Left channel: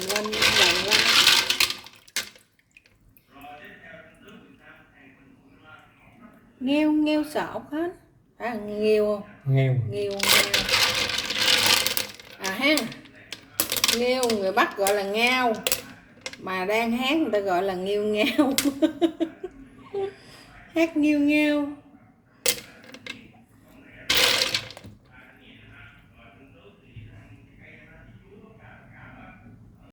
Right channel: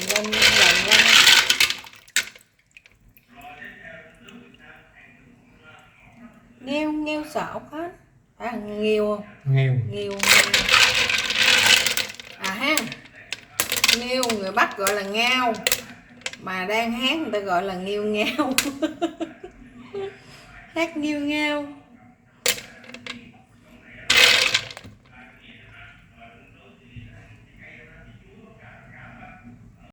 lên lần lên. Nghêu nghêu sợ ốc hết. À, nghêu không? Nghêu. Nghêu à ha. Nghêu người Bắc gọi là ngao, mà đang hát người ta gọi là nghêu ngao. Hát nghêu ngao.